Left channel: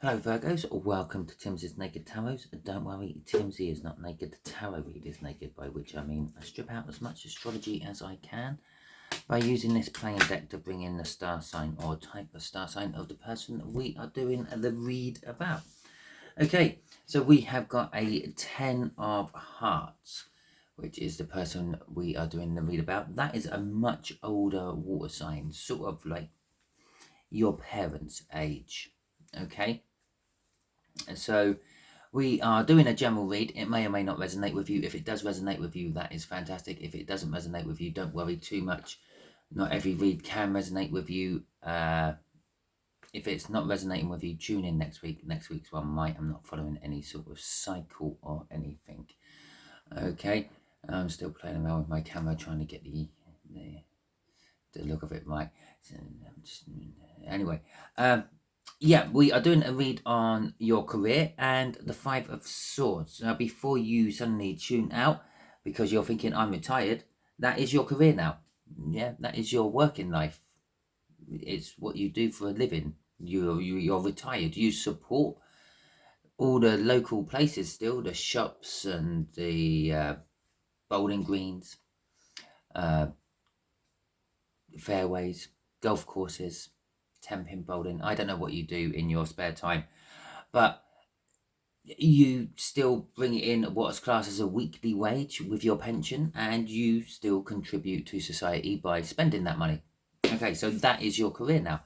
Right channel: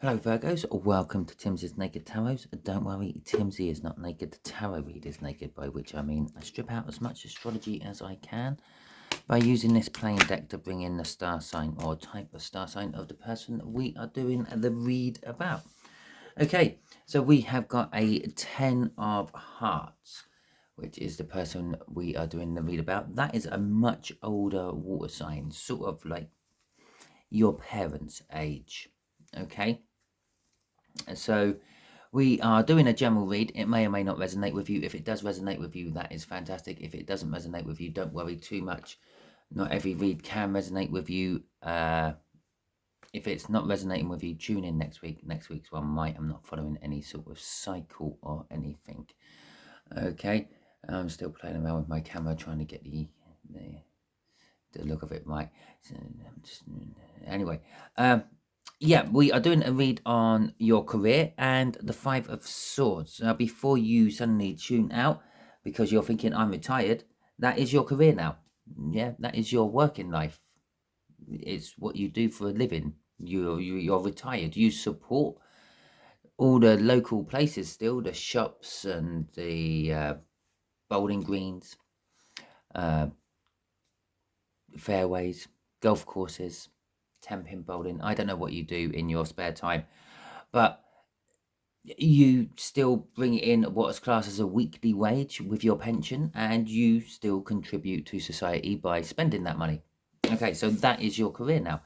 Hello Virgos, welcome to Timsy's Naked Tarot. Don't worry, Timsy is not naked, the tarot read is naked, by which I mean I strip out as much astrology as I can by using this plain deck to bring in the star sign or type of star sign of the person we are doing the read about. Okay, so we have got a 10 of Hearts, which is the person we are doing the read about. That is a much older water sign, sort of like your parents' age, okay? So we are doing a general read. It may or may not resonate with you. If it does resonate with you, that is fantastic. If it doesn't resonate with you, don't worry too much. Not every read can resonate with you. If it's not resonating with you, tune in next week. Next week's one might. I'm not following any sort of cycle or anything. Okay, I'm still playing around with my camera, trying to get the look of it right. Anyway, yeah, we are doing a read on your career and the Five of Swords. Now, before you suddenly tune out because you're thinking, I'm retired, that is your career now. Yeah, that is your working life. It's what you do for a living. You're retired. You support all the local places still, the shops and the bowling greens, fairways, golf courses, 10-pin bowling. I don't know what you do in your spare time, but you still bring in what's classed as a weekly wage with your pension, and you still contribute to society by spending that money. Okay, so that is your career now.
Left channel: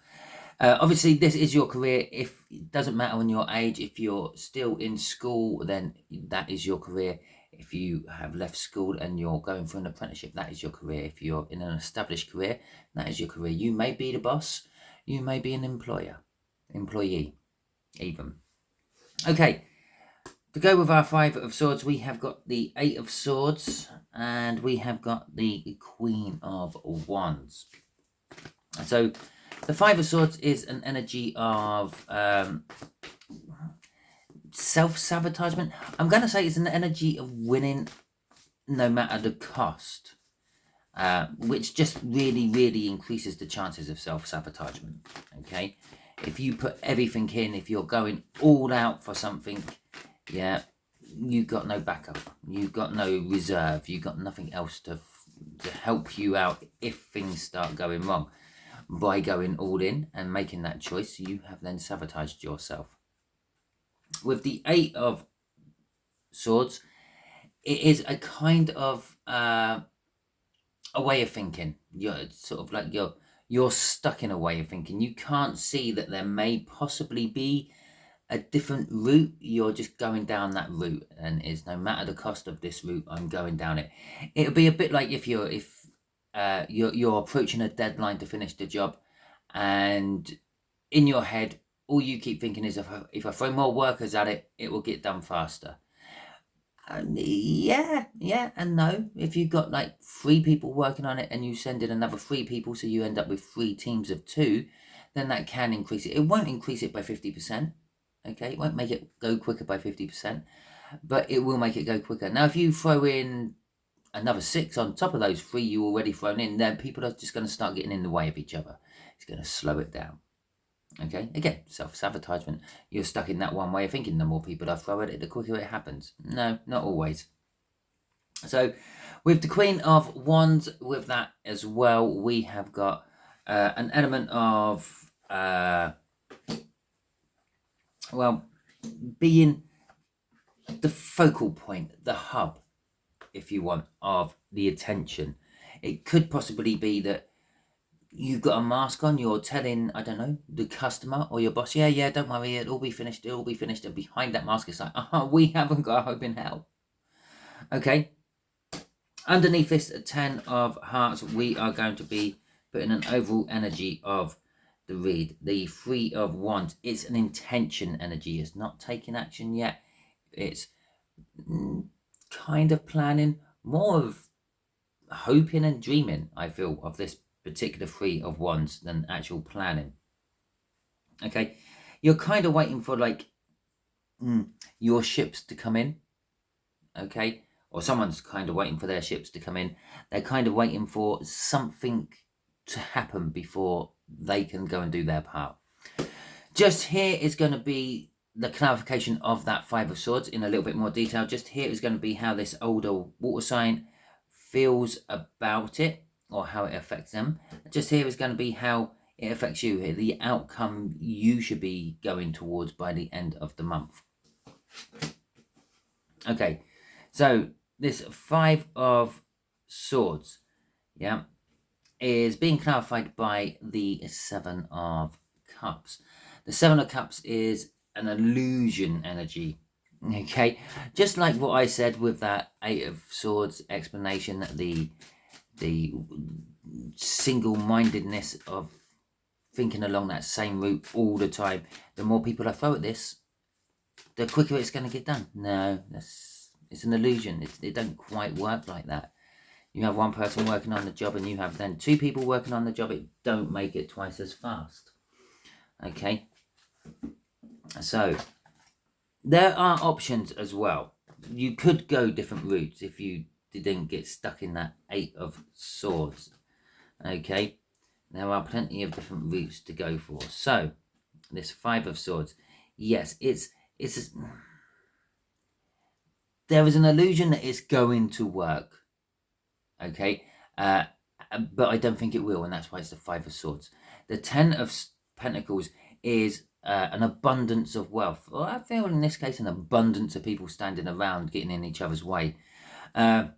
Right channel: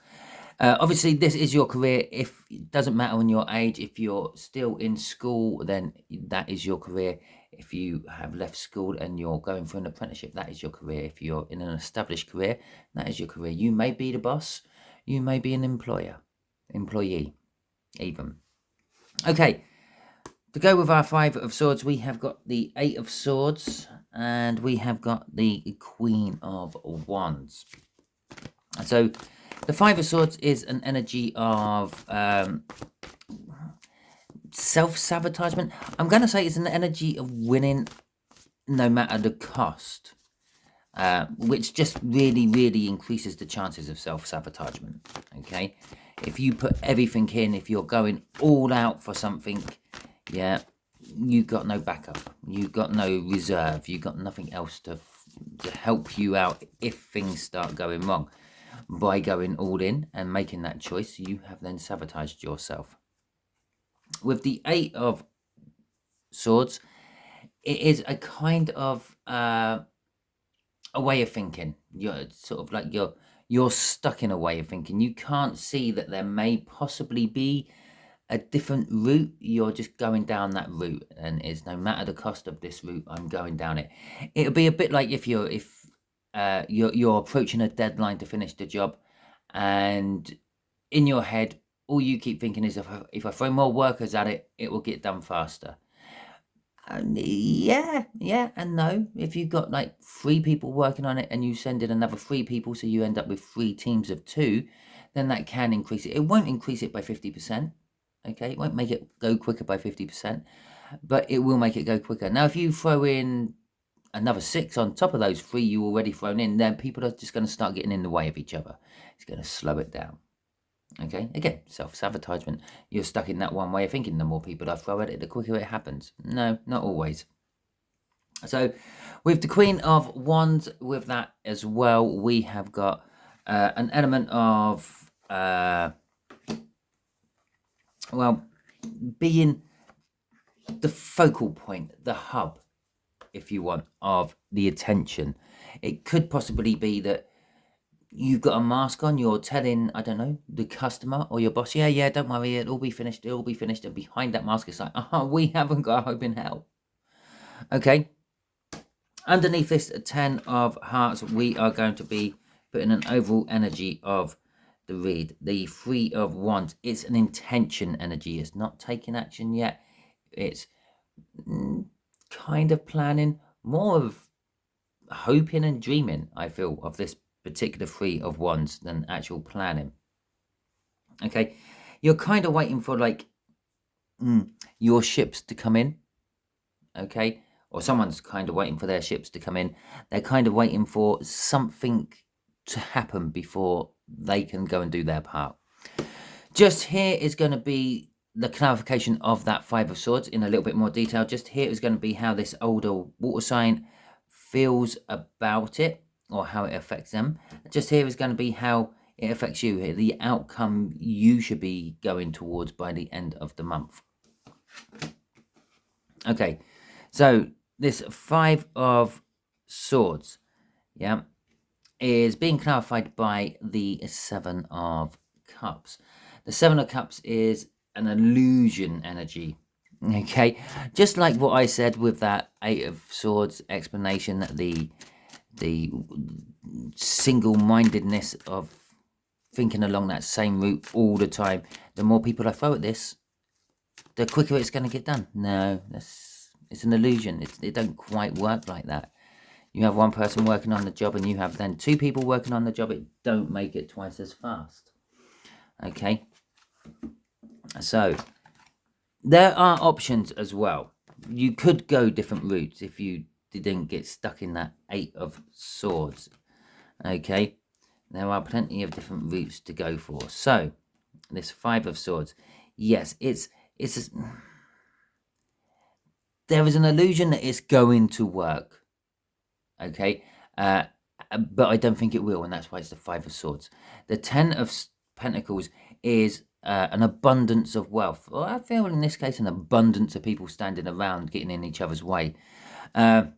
Obviously, this is your career. If it doesn't matter on your age, if you're still in school, then that is your career. If you have left school and you're going for an apprenticeship, that is your career. If you're in an established career, that is your career. You may be the boss, you may be an employee, even. Okay, to go with our Five of Swords, we have got the Eight of Swords and we have got the Queen of Wands. So the Five of Swords is an energy of self-sabotagement. I'm going to say it's an energy of winning no matter the cost, which just really increases the chances of self-sabotagement. Okay, if you put everything in, if you're going all out for something, yeah, you got no backup, you got no reserve, you got nothing else to help you out if things start going wrong. By going all in and making that choice, you have then sabotaged yourself. With the Eight of Swords, it is a kind of a way of thinking. You're sort of like you're stuck in a way of thinking. You can't see that there may possibly be a different route. You're just going down that route, and it's no matter the cost of this route, I'm going down it. It'll be a bit like if you're approaching a deadline to finish the job, and in your head, all you keep thinking is if I throw more workers at it, it will get done faster. Yeah and no. If you've got like 3 people working on it and you send in another 3 people, so you end up with 3 teams of 2, then that can increase it. It won't increase it by 50%. Okay, it won't make it go quicker by 50%, but it will make it go quicker. Now, if you throw in another 6 on top of those 3 you already thrown in, then people are just going to start getting in the way of each other. It's going to slow it down. Okay, again, self-sabotagement. You're stuck in that one way of thinking. The more people I throw at it, the quicker it happens. No, not always. So with the Queen of Wands, with that as well, we have got an element of well, being the focal point, the hub, if you want, of the attention. It could possibly be that you've got a mask on, you're telling, I don't know, the customer or your boss, yeah, don't worry, it'll be finished, and behind that mask it's like, we haven't got a hope in hell. Okay, underneath this 10 of Hearts, we are going to be putting an overall energy of the read. The 3 of Wands, it's an intention energy. It's not taking action yet. It's kind of planning, more of hoping and dreaming, I feel, of this particular 3 of Wands than actual planning. Okay, you're kind of waiting for like your ships to come in. Okay, or someone's kind of waiting for their ships to come in. They're kind of waiting for something to happen before they can go and do their part. Just here is going to be the clarification of that Five of Swords in a little bit more detail. Just here is going to be how this older water sign feels about it, or how it affects them. Just here is going to be how it affects you here, the outcome you should be going towards by the end of the month. Okay, so this Five of Swords, yeah, is being clarified by the Seven of Cups. The Seven of Cups is an illusion energy. Okay, just like what I said with that Eight of Swords explanation, that the single-mindedness of thinking along that same route all the time, the more people I throw at this, the quicker it's going to get done. No, it's an illusion. It don't quite work like that. You have one person working on the job and you have then two people working on the job. It don't make it twice as fast. Okay, so there are options as well. You could go different routes if you didn't get stuck in that Eight of Swords. Okay, there are plenty of different routes to go for. So this Five of Swords, yes, there is an illusion that it's going to work. Okay, but I don't think it will, and that's why it's the Five of Swords. The Ten of Pentacles is an abundance of wealth. Well, I feel in this case an abundance of people standing around getting in each other's way. But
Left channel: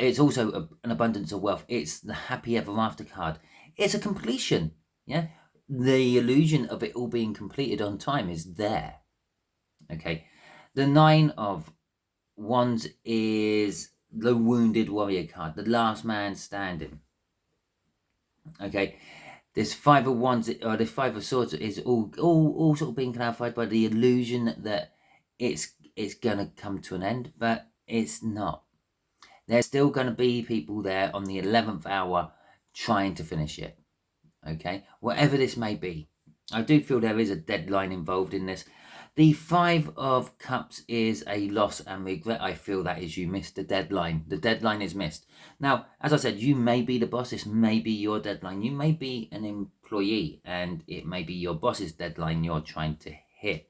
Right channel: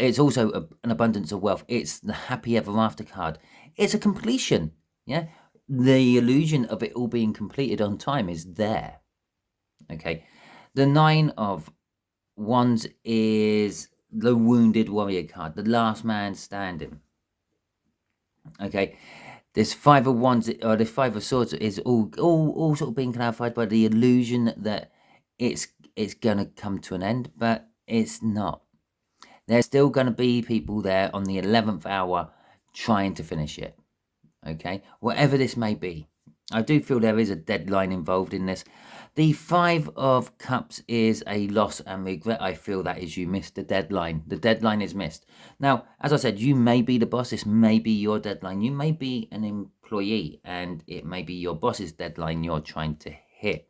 it's also an abundance of wealth. It's the happy ever after card. It's a completion. Yeah, the illusion of it all being completed on time is there. Okay, the Nine of Wands is the wounded warrior card, the last man standing. Okay, this Five of Wands, or this Five of Swords, is all sort of being clarified by the illusion that it's gonna come to an end, but it's not. There's still gonna be people there on the 11th hour trying to finish it. Okay, whatever this may be, I do feel there is a deadline involved in this. The Five of Cups is a loss and regret. I feel that is you missed the deadline. The deadline is missed. Now, as I said, you may be the boss. This may be your deadline. You may be an employee and it may be your boss's deadline you're trying to hit.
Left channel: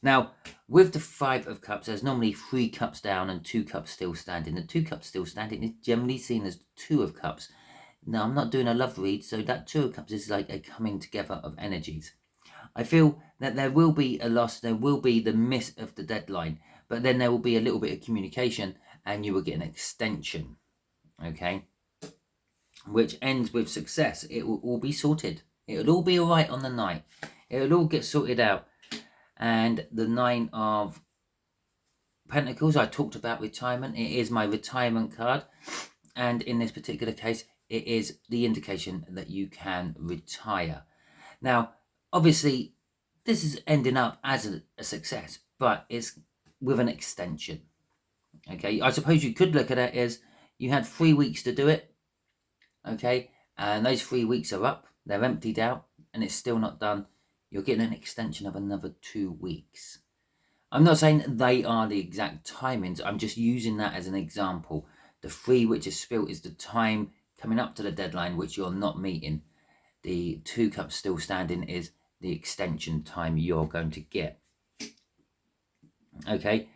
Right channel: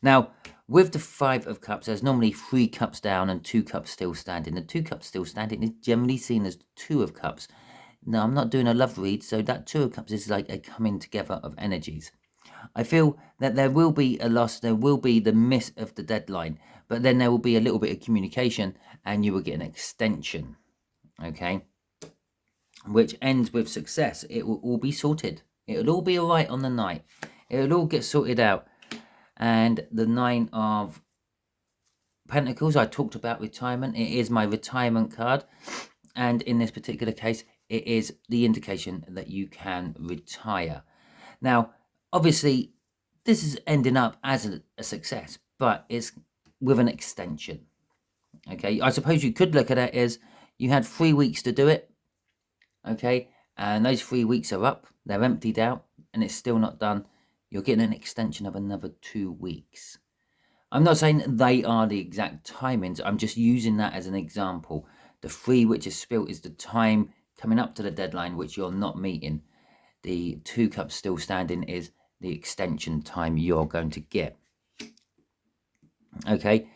Now, with the Five of Cups, there's normally 3 cups down and 2 cups still standing. The 2 cups still standing is generally seen as the Two of Cups. Now, I'm not doing a love read, so that Two of Cups is like a coming together of energies. I feel that there will be a loss, there will be the miss of the deadline, but then there will be a little bit of communication and you will get an extension, okay, which ends with success. It will all be sorted. It will all be all right on the night. It will all get sorted out. And the Nine of Pentacles, I talked about retirement. It is my retirement card. And in this particular case, it is the indication that you can retire. Now, obviously, this is ending up as a success, but it's with an extension. Okay, I suppose you could look at it as you had 3 weeks to do it. Okay, and those 3 weeks are up, they're emptied out, and it's still not done. You're getting an extension of another 2 weeks. I'm not saying they are the exact timings, I'm just using that as an example. The 3 which is spilt is the time coming up to the deadline which you're not meeting. The 2 cups still standing is the extension time you're going to get. Okay,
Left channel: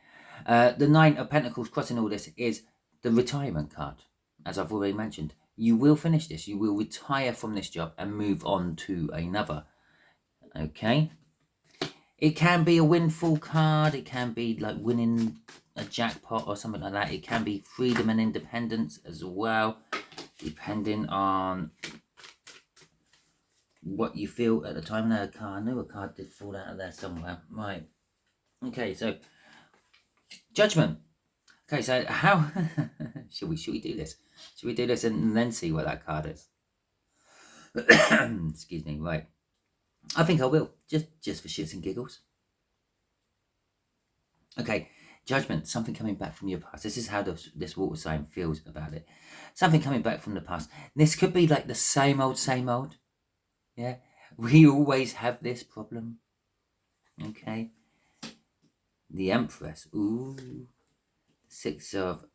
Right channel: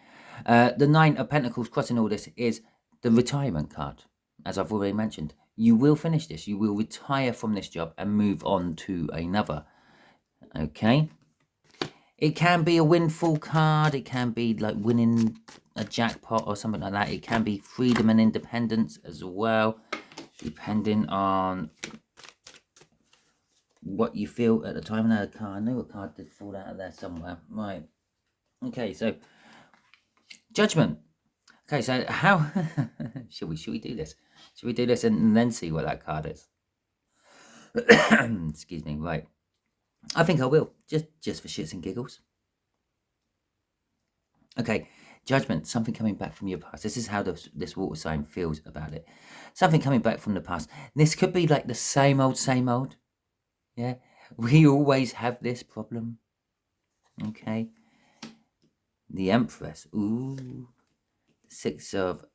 the Nine of Pentacles crossing all this is the retirement card. As I've already mentioned, you will finish this. You will retire from this job and move on to another. Okay, it can be a windfall card. It can be like winning a jackpot or something like that. It can be freedom and independence as well, depending on what you feel at the time. I knew a card did fall out of there somewhere. Right. Okay, so Judgment. Okay, so how should we do this? Should we do this and then see what that card is? Excuse me. Right. I think I will, just for shits and giggles. Okay, Judgment. Something coming back from your past. This is how this water sign feels about it. Something coming back from the past. This could be like the same old. Yeah, we always have this problem. Okay. The Empress. Ooh. 6 of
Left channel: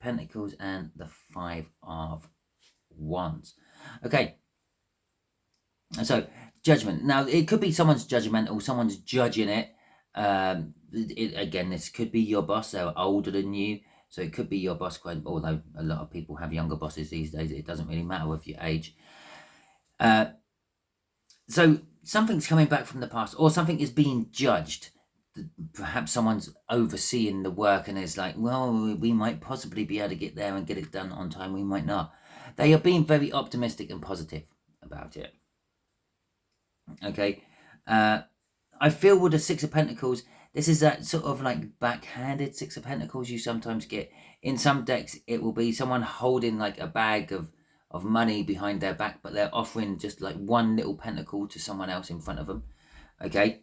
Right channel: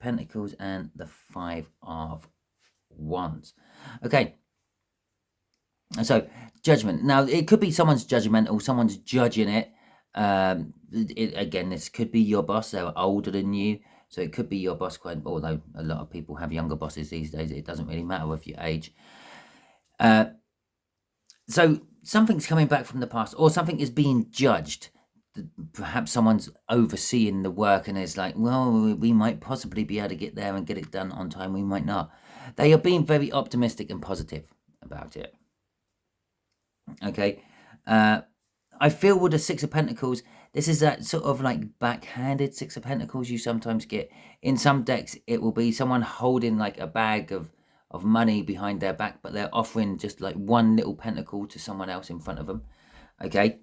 Pentacles and the 5 of Wands. Okay. So judgment. Now it could be someone's judgmental, someone's judging it. Again, this could be your boss. They're older than you, so it could be your boss. Although a lot of people have younger bosses these days, it doesn't really matter with your age. So something's coming back from the past, or something is being judged. Perhaps someone's overseeing the work and is like, well, we might possibly be able to get there and get it done on time. We might not. They are being very optimistic and positive about it. Okay. I feel with the Six of Pentacles, this is that sort of like backhanded Six of Pentacles you sometimes get. In some decks, it will be someone holding like a bag of money behind their back, but they're offering just like one little pentacle to someone else in front of them. Okay.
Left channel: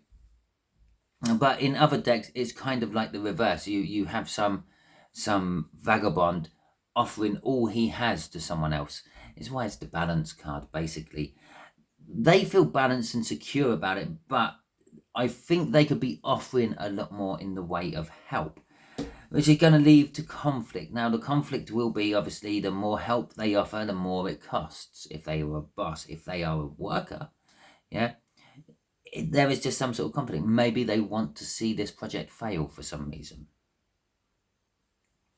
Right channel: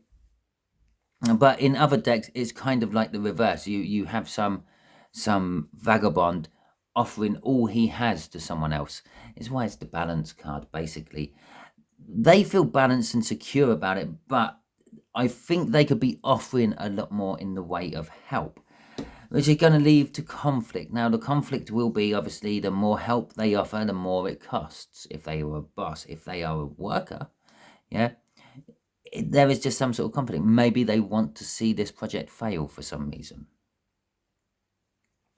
But in other decks, it's kind of like the reverse. You have some vagabond offering all he has to someone else. It's why it's the balance card, basically. They feel balanced and secure about it, but I think they could be offering a lot more in the way of help, which is going to lead to conflict. Now, the conflict will be, obviously, the more help they offer, the more it costs. If they are a boss, if they are a worker, yeah, there is just some sort of conflict. Maybe they want to see this project fail for some reason.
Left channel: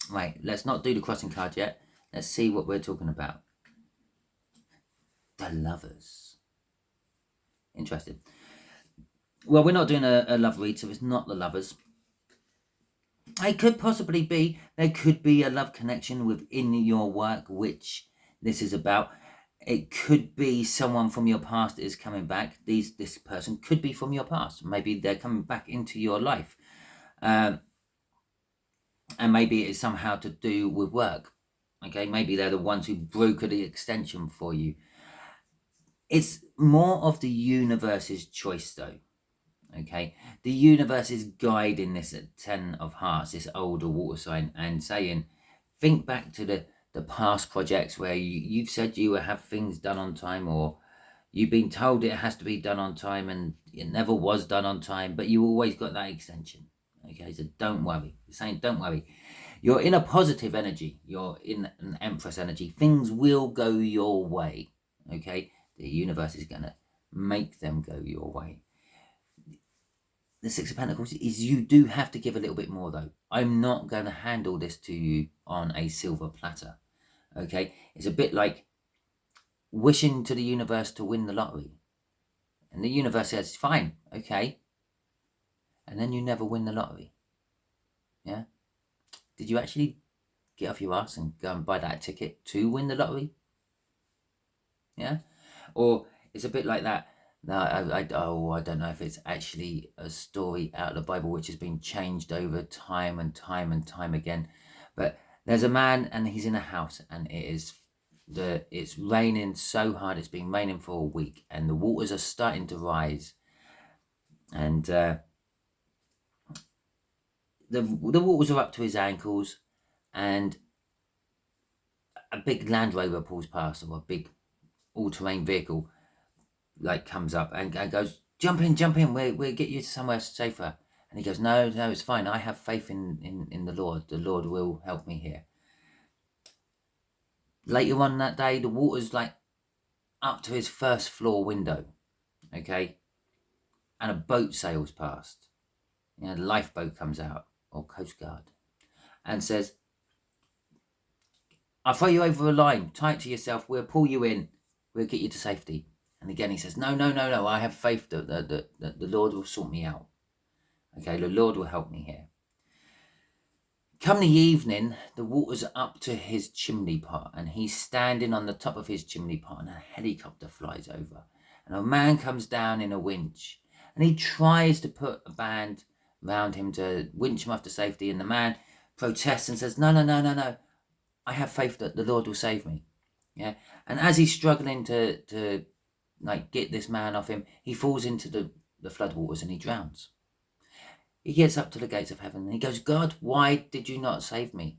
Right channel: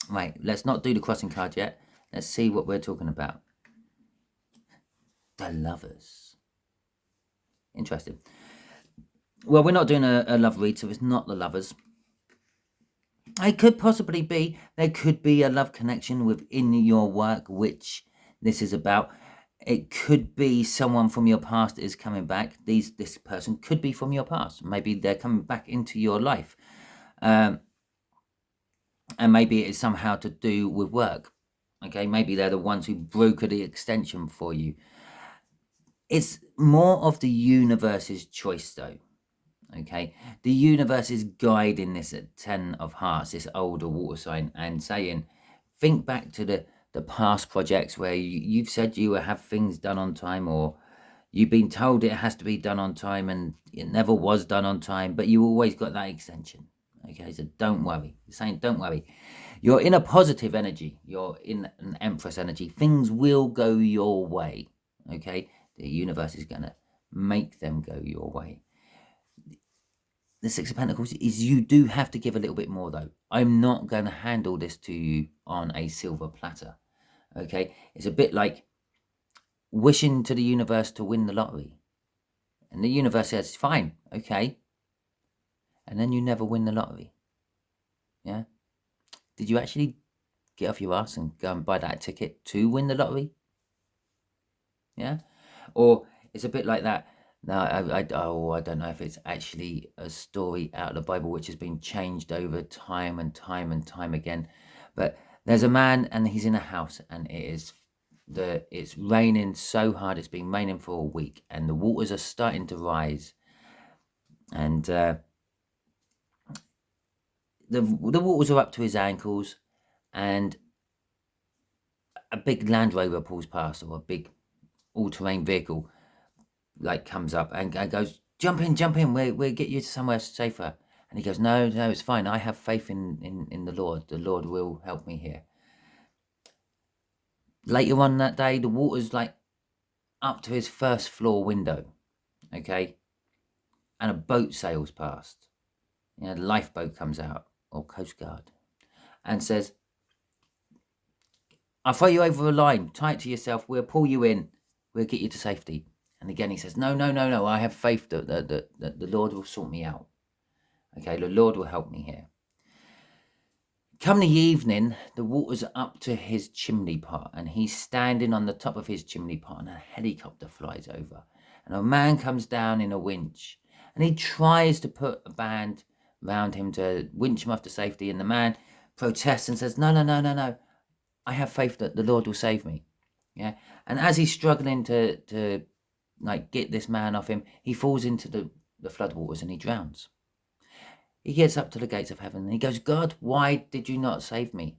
Right, let's not do the crossing card yet. Let's see what we're talking about. The Lovers. Interesting. Well, we're not doing a love read, so it's not the Lovers. It could possibly be, there could be a love connection within your work, which this is about. It could be someone from your past is coming back. This person could be from your past. Maybe they're coming back into your life. And maybe it is somehow to do with work. Okay, maybe they're the ones who broker the extension for you. It's more of the universe's choice, though. Okay, the universe is guiding this at 10 of Hearts, this older water sign, and saying, think back to the past projects where you've said you will have things done on time, or you've been told it has to be done on time and it never was done on time, but you always got that extension. Okay, so don't worry. It's saying don't worry. You're in a positive energy. You're in an Empress energy. Things will go your way. Okay, the universe is going to make them go your way. The Six of Pentacles is you do have to give a little bit more, though. I'm not going to handle this to you on a silver platter. Okay, it's a bit like wishing to the universe to win the lottery, and the universe says fine, okay, and then you never win the lottery. Yeah, did you actually get off your ass and go and buy that ticket to win the lottery? Yeah, or it's a bit like that. No, I don't know if it's actually a story out of the Bible which has been changed over time and time and time again. But there's a man and he's in a house, and it's raining so hard. It's been raining for a week, and the waters are starting to rise. And the waters are up to his ankles, and a big Land Rover pulls past, or a big all-terrain vehicle like comes up and goes, jump in, we'll get you to somewhere safer. And he goes, no, it's fine, I have faith in the Lord will help me here. Later on that day, the water's like up to his first floor window, okay, and a boat sails past. A lifeboat comes out, or Coast Guard, and says, I'll throw you over a line, tie it to yourself, we'll pull you in, we'll get you to safety. And again, he says, no, I have faith that the Lord will sort me out. Okay, the Lord will help me here. Come the evening, the water's up to his chimney pot, and he's standing on the top of his chimney pot, and a helicopter flies over. And a man comes down in a winch, and he tries to put a band around him to winch him off to safety, and the man protests and says, no, I have faith that the Lord will save me. Yeah, and as he's struggling to like get this man off him, he falls into the floodwaters and he drowns. He gets up to the gates of heaven and he goes, God, why did you not save me?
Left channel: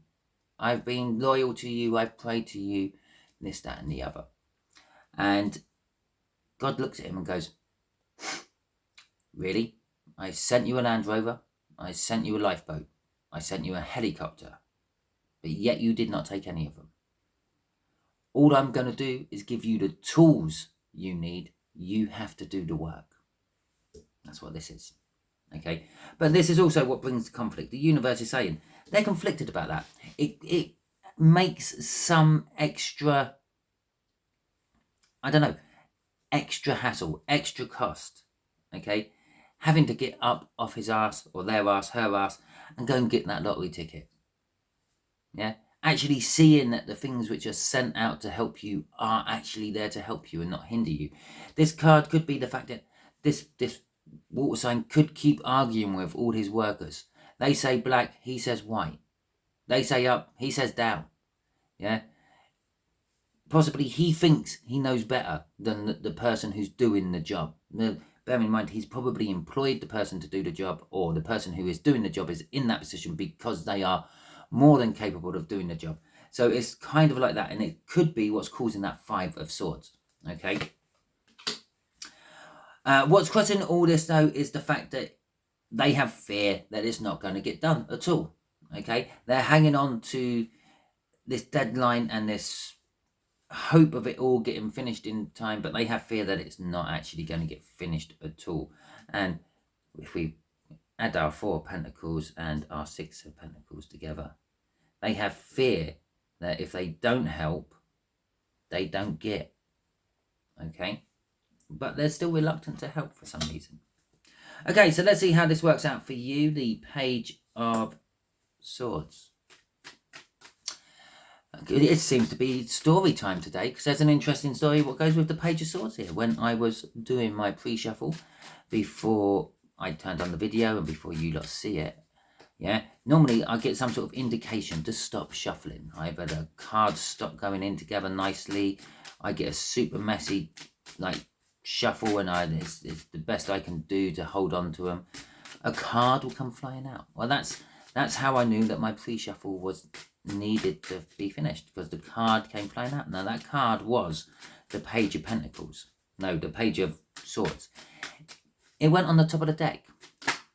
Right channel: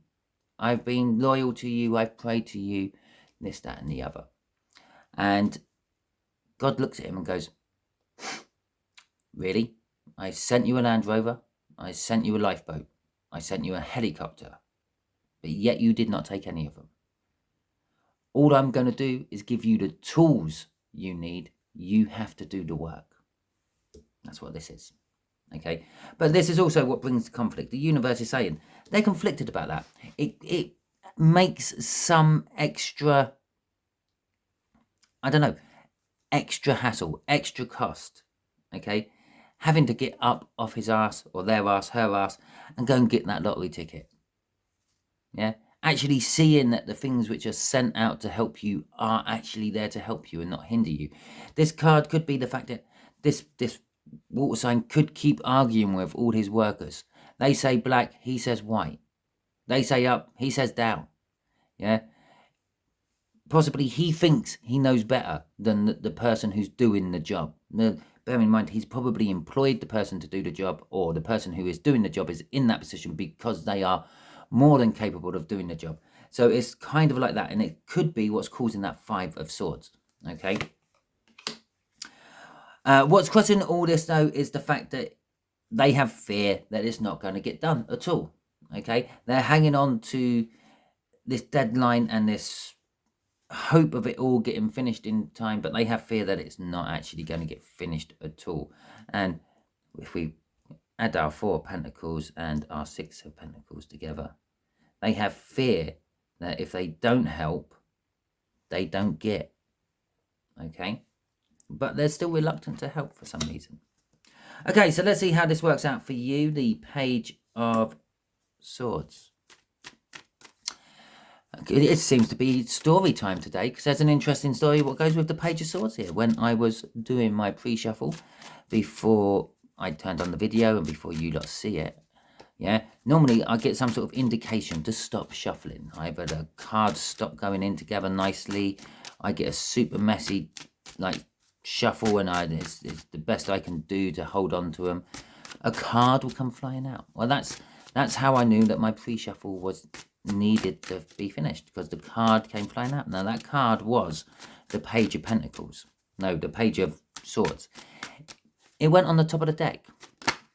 I've been loyal to you, I've prayed to you, this, that, and the other. And God looks at him and goes, really? I sent you a Land Rover, I sent you a lifeboat, I sent you a helicopter, but yet you did not take any of them. All I'm going to do is give you the tools you need. You have to do the work. That's what this is. Okay, but this is also what brings the conflict. The universe is saying they're conflicted about that. It makes some extra, I don't know, extra hassle, extra cost. Okay, having to get up off his ass or their ass, her ass, and go and get that lottery ticket. Yeah, actually seeing that the things which are sent out to help you are actually there to help you and not hinder you. This card could be the fact that this water sign could keep arguing with all his workers. They say black, he says white. They say up, he says down. Yeah, possibly he thinks he knows better than the person who's doing the job. Bear in mind, he's probably employed the person to do the job, or the person who is doing the job is in that position because they are more than capable of doing the job. So it's kind of like that, and it could be what's causing that 5 of Swords. Okay. What's causing all this, though, is the fact that they have fear that it's not going to get done at all. Okay, they're hanging on to this deadline and this hope of it all getting finished in time, but they have fear that it's not actually going to get finished at all. And if we add our 4 of Pentacles and our 6 of Pentacles together, they have fear that if they don't help, they don't get. Okay, but they're still reluctant to help for some reason. Okay, so let's see how this works out for you. The Page of Swords. It seems to be story time today, because there's an interesting story what goes with the Page of Swords here. When I was doing my pre-shuffle before I turned on the video and before you lot see it, yeah, normally I get some sort of indication to stop shuffling. Either the cards stop going in together nicely, I get a super messy like shuffle, and it's the best I can do to hold on to them. A card will come flying out. Well, that's how I knew that my pre-shuffle was needed to be finished, because the card came flying out. Now that card was the Page of Pentacles. No, the Page of Swords. It went on the top of the deck.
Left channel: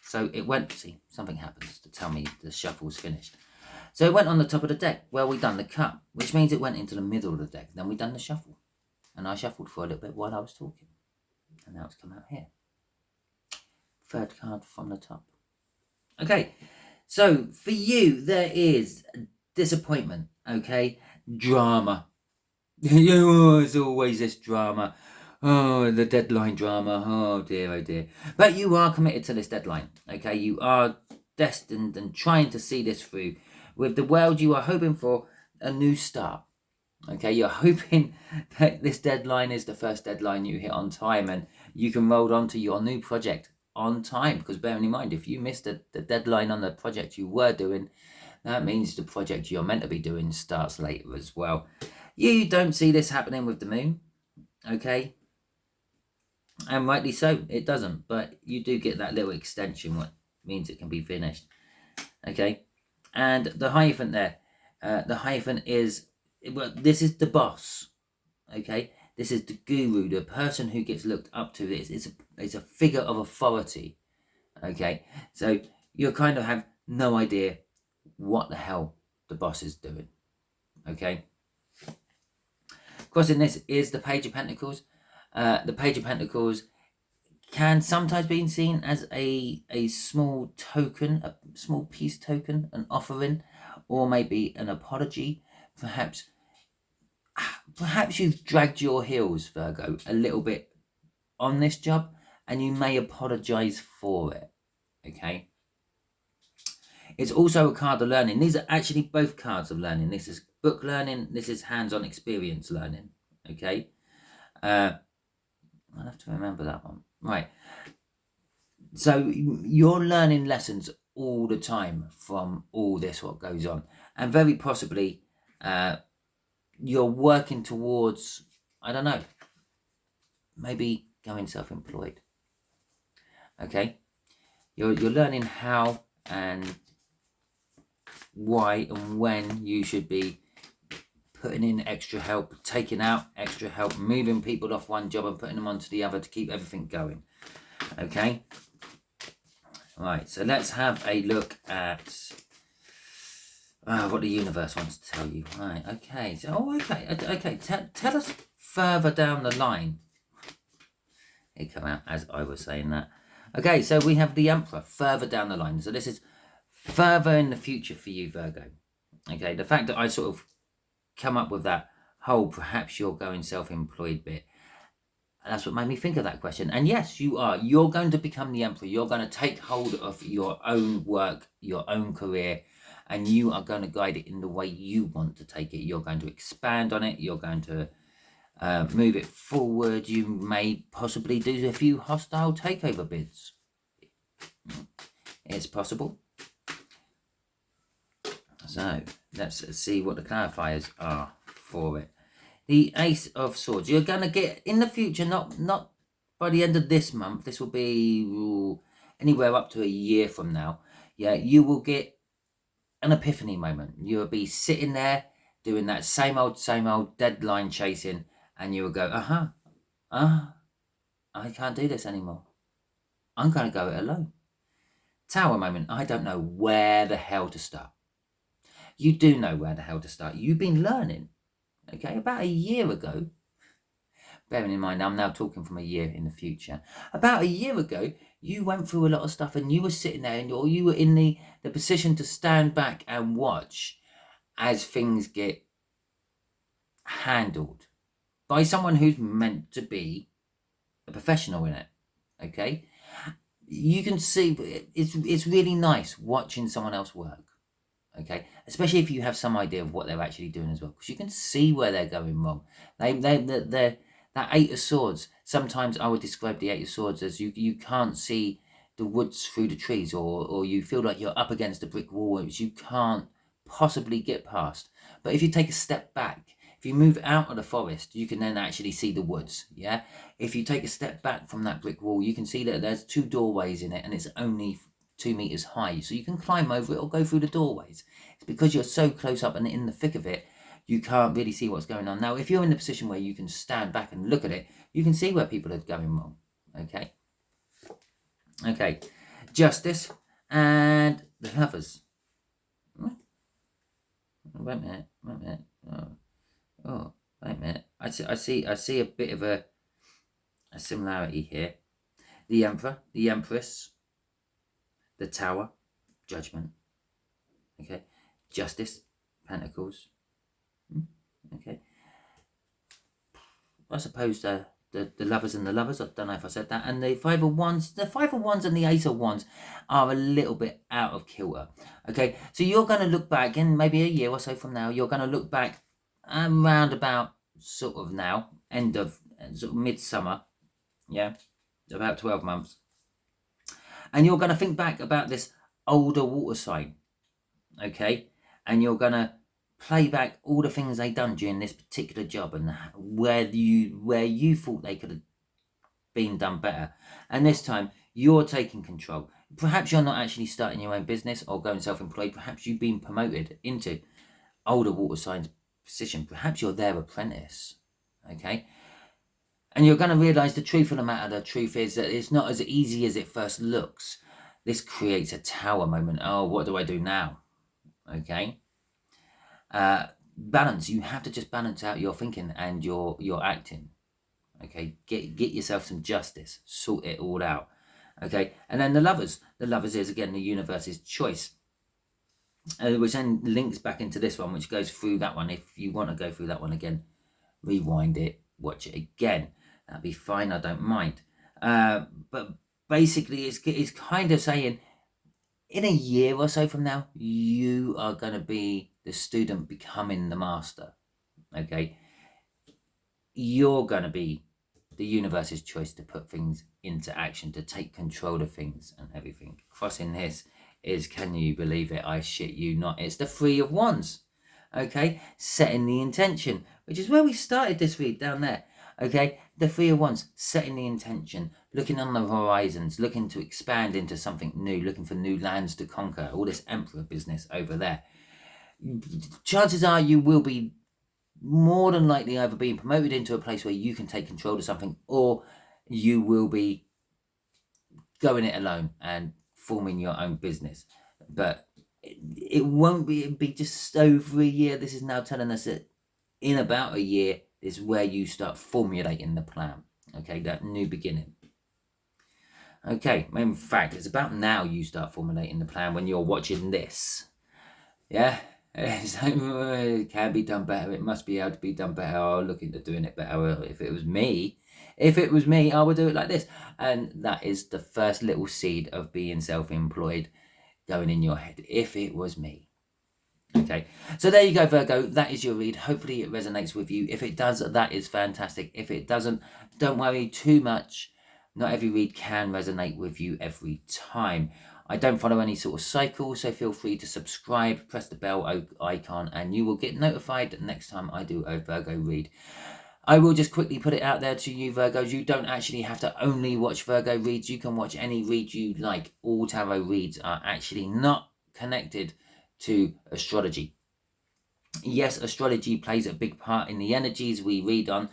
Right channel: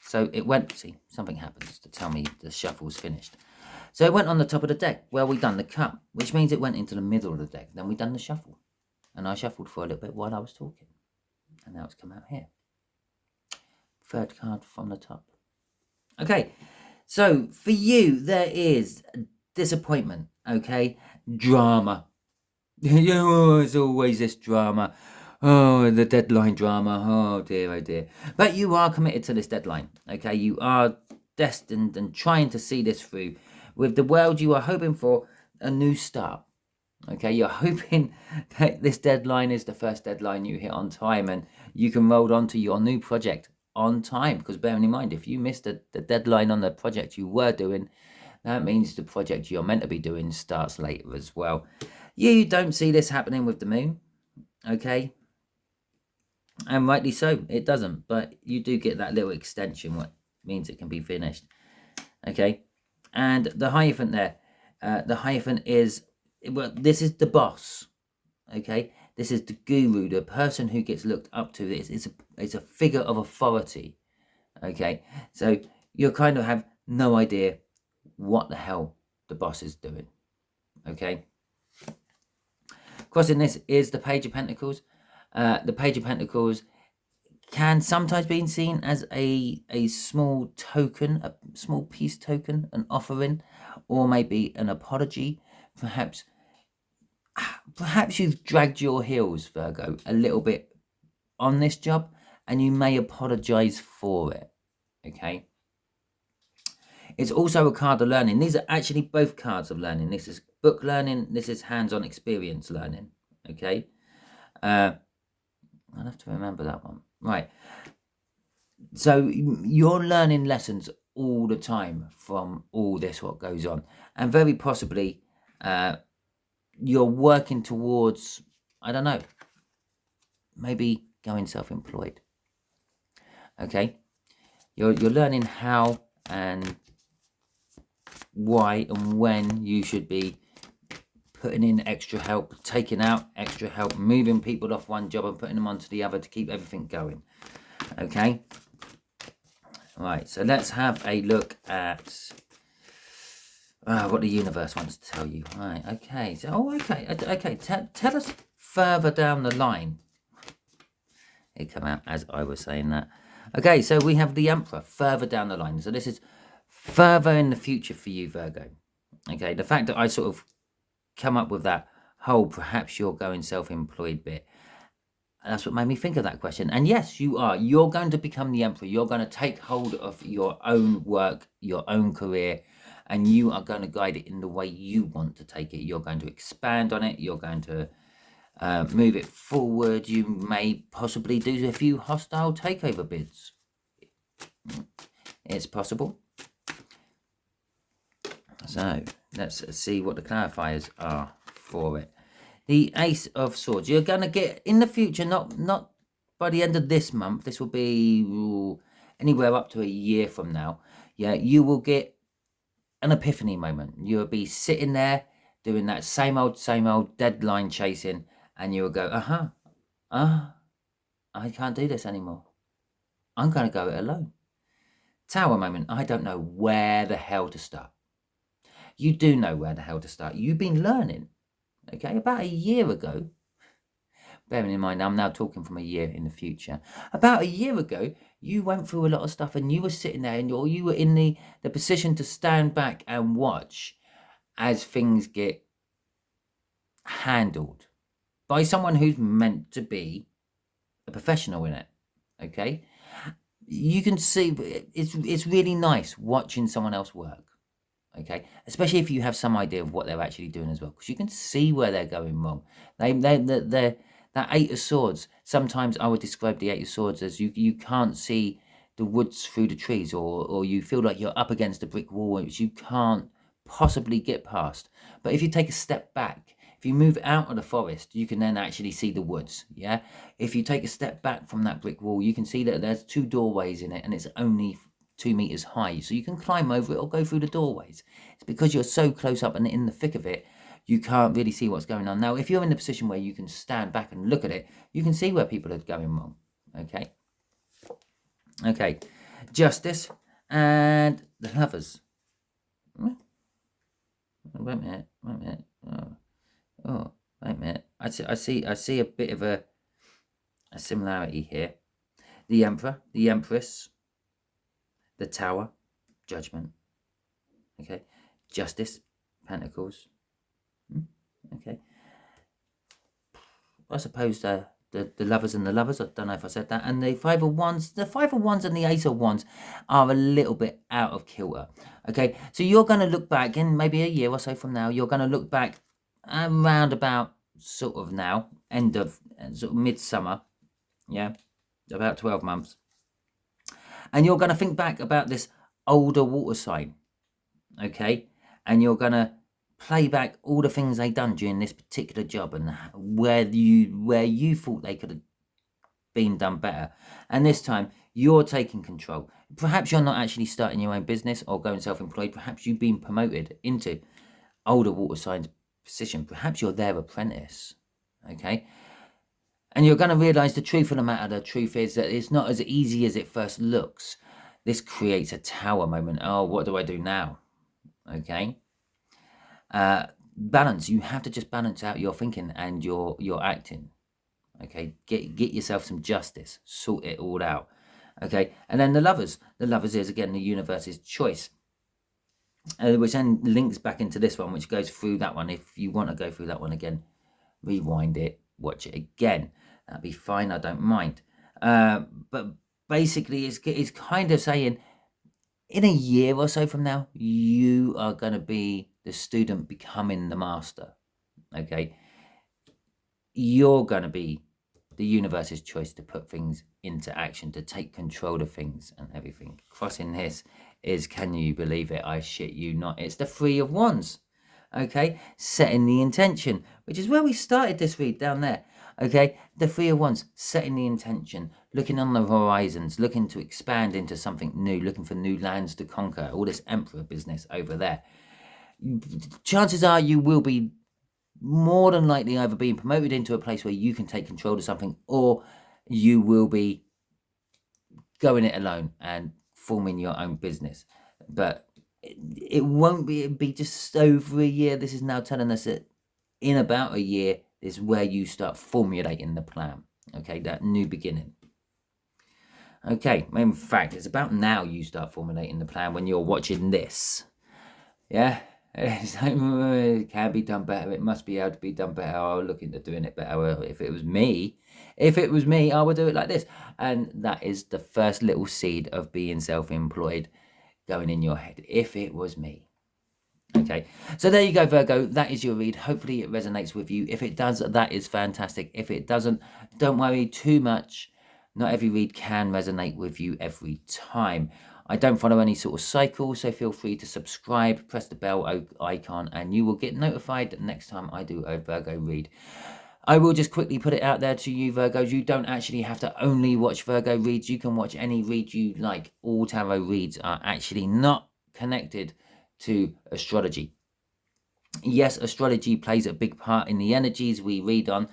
So it went, see, something happens to tell me the shuffle's finished. So it went on the top of the deck. Well, we done the cut, which means it went into the middle of the deck. Then we done the shuffle. And I shuffled for a little bit while I was talking. And now it's come out here. 3rd card from the top. Okay, so for you, there is disappointment, okay? Drama. Oh, it's always this drama. Oh, the deadline drama. Oh dear, oh dear. But you are committed to this deadline, okay? You are destined and trying to see this through. With the world, you are hoping for a new start, okay? You're hoping that this deadline is the first deadline you hit on time, and you can roll on to your new project on time. Because bearing in mind, if you missed the deadline on the project you were doing, that means the project you're meant to be doing starts later as well. You don't see this happening with the moon, okay? And rightly so, it doesn't. But you do get that little extension, what means it can be finished, okay? And the Hierophant there, the Hierophant is, well, this is the boss, okay? This is the guru, the person who gets looked up to. It's a figure of authority, okay? So you kind of have no idea what the hell the boss is doing, okay? Crossing this is the Page of Pentacles. The Page of Pentacles can sometimes be seen as a small token, a small peace token, an offering, or maybe an apology. Perhaps you've dragged your heels, Virgo, a little bit on this job, and you may apologize for it, okay? It's also a card of learning. These are actually both cards of learning. This is book learning. This is hands-on experience learning, okay? I'll have to remember that one. Right. So you're learning lessons all the time from all this, what goes on. And very possibly you're working towards, I don't know, maybe going self-employed. Okay? You're learning how and why and when you should be putting in extra help, taking out extra help, moving people off one job and putting them onto the other to keep everything going. Okay? Right, so let's have a look at what the universe wants to tell you. Right, okay. So, okay. Tell us further down the line it come out as I was saying that. Okay, so we have the Emperor further down the line. So this is further in the future for you, Virgo. Okay, the fact that I sort of come up with that whole perhaps you're going self-employed bit, that's what made me think of that question. And yes, you are. You're going to become the Emperor. You're going to take hold of your own work, your own career, and you are going to guide it in the way you want to take it. You're going to expand on it. You're going to move it forward. You may possibly do a few hostile takeover bids. It's possible. So let's see what the clarifiers are for it. The Ace of Swords. You're going to get in the future, not by the end of this month. This will be anywhere up to a year from now. Yeah, you will get an epiphany moment. You'll be sitting there doing that same old deadline chasing, and you will go, I can't do this anymore. I'm going to go it alone. Tower moment. I don't know where the hell to start. You do know where the hell to start. You've been learning. Okay, about a year ago, bearing in mind I'm now talking from a year in the future, about a year ago you went through a lot of stuff and you were sitting there and you were in the position to stand back and watch as things get handled by someone who's meant to be a professional in it. Okay, you can see it's really nice watching someone else work. Okay, especially if you have some idea of what they're actually doing as well, because you can see where they're going wrong. They're that Eight of Swords. Sometimes I would describe the Eight of Swords as you can't see the woods through the trees, or you feel like you're up against a brick wall which you can't possibly get past. But if you take a step back, if you move out of the forest, you can then actually see the woods. Yeah, if you take a step back from that brick wall, you can see that there's two doorways in it, and it's only 2 meters high, so you can climb over it or go through the doorways. It's because you're so close up and in the thick of it, you can't really see what's going on. Now, if you're in the position where you can stand back and look at it, you can see where people are going wrong. Okay, Justice and the Lovers. Wait a minute. Oh, wait a minute. I see a bit of a similarity here. The Emperor, the Empress, the Tower, Judgment. Okay, Justice, Pentacles. Okay, I suppose the Lovers and the Lovers, I don't know if I said that, and the Five of Wands. The Five of Wands and the Ace of Wands are a little bit out of kilter. Okay, so you're going to look back in maybe a year or so from now. You're going to look back around about sort of now, end of sort of midsummer. Yeah, about 12 months. And you're going to think back about this older water sign, okay? And you're going to play back all the things they've done during this particular job and where you thought they could have been done better. And this time, you're taking control. Perhaps you're not actually starting your own business or going self-employed. Perhaps you've been promoted into older water signs position. Perhaps you're their apprentice, okay? And you're going to realize the truth of the matter. The truth is that it's not as easy as it first looks. This creates a tower moment. Oh, what do I do now? Okay. Balance. You have to just balance out your thinking and your acting. Okay. Get yourself some justice. Sort it all out. Okay. And then the Lovers. The Lovers is, again, the universe's choice. Which then links back into this one, which goes through that one. If you want to go through that one again, rewind it, watch it again. That'd be fine. I don't mind. But basically, it's kind of saying, in a year or so from now, you are going to be the student becoming the master. Okay, you're going to be the universe's choice to put things into action, to take control of things and everything. Crossing this is, can you believe it? I shit you not. It's the Three of Wands. Okay, setting the intention, which is where we started this read down there. Okay, the Three of Wands, setting the intention, looking on the horizons, looking to expand into something new, looking for new lands to conquer, all this Emperor business over there. Chances are you will be more than likely either being promoted into a place where you can take control of something, or you will be going it alone and forming your own business. But it won't be, it'll be just over a year. This is now telling us that in about a year is where you start formulating the plan. Okay, that new beginning. Okay, in fact, it's about now you start formulating the plan when you're watching this. Yeah, it can be done better. It must be able to be done better. I'll look into doing it better. If it was me, I would do it like this. And that is the first little seed of being self-employed going in your head. If it was me. Okay, so there you go, Virgo. That is your read. Hopefully it resonates with you. If it does, that is fantastic. If it doesn't, don't worry too much. Not every read can resonate with you every time. I don't follow any sort of cycle, so feel free to subscribe, press the bell icon, and you will get notified next time I do a Virgo read. I will just quickly put it out there to you, Virgos. You don't actually have to only watch Virgo reads. You can watch any read you like. All tarot reads are actually not connected to astrology. Yes, astrology plays a big part in the energies we read on.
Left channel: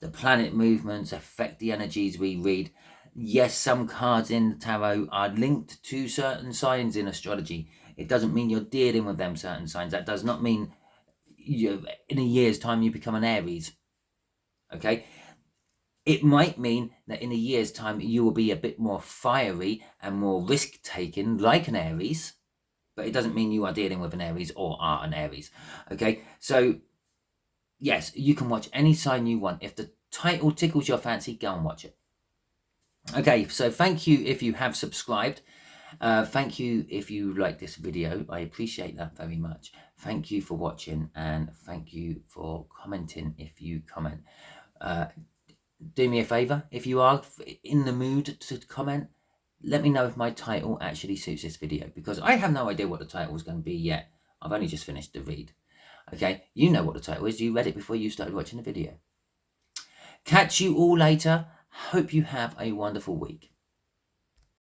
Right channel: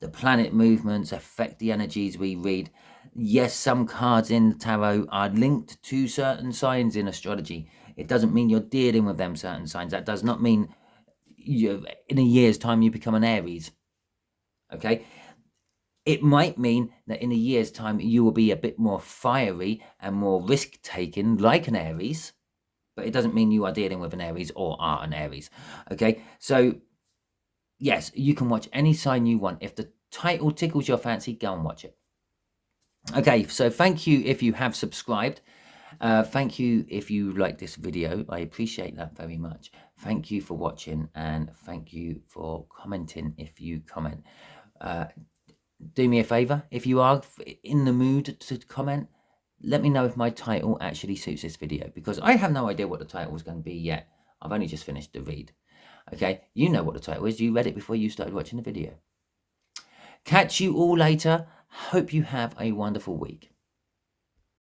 The planet movements affect the energies we read. Yes, some cards in the tarot are linked to certain signs in astrology. It doesn't mean you're dealing with them certain signs. That does not mean in a year's time you become an Aries. Okay? It might mean that in a year's time you will be a bit more fiery and more risk-taking like an Aries. But it doesn't mean you are dealing with an Aries or are an Aries. Okay, so yes, you can watch any sign you want. If the title tickles your fancy, go and watch it. Okay, so thank you if you have subscribed. Thank you if you like this video. I appreciate that very much. Thank you for watching, and thank you for commenting if you comment. Do me a favor, if you are in the mood to comment, let me know if my title actually suits this video, because I have no idea what the title is going to be yet. I've only just finished the read. Okay, you know what the title is. You read it before you started watching the video. Catch you all later. Hope you have a wonderful week.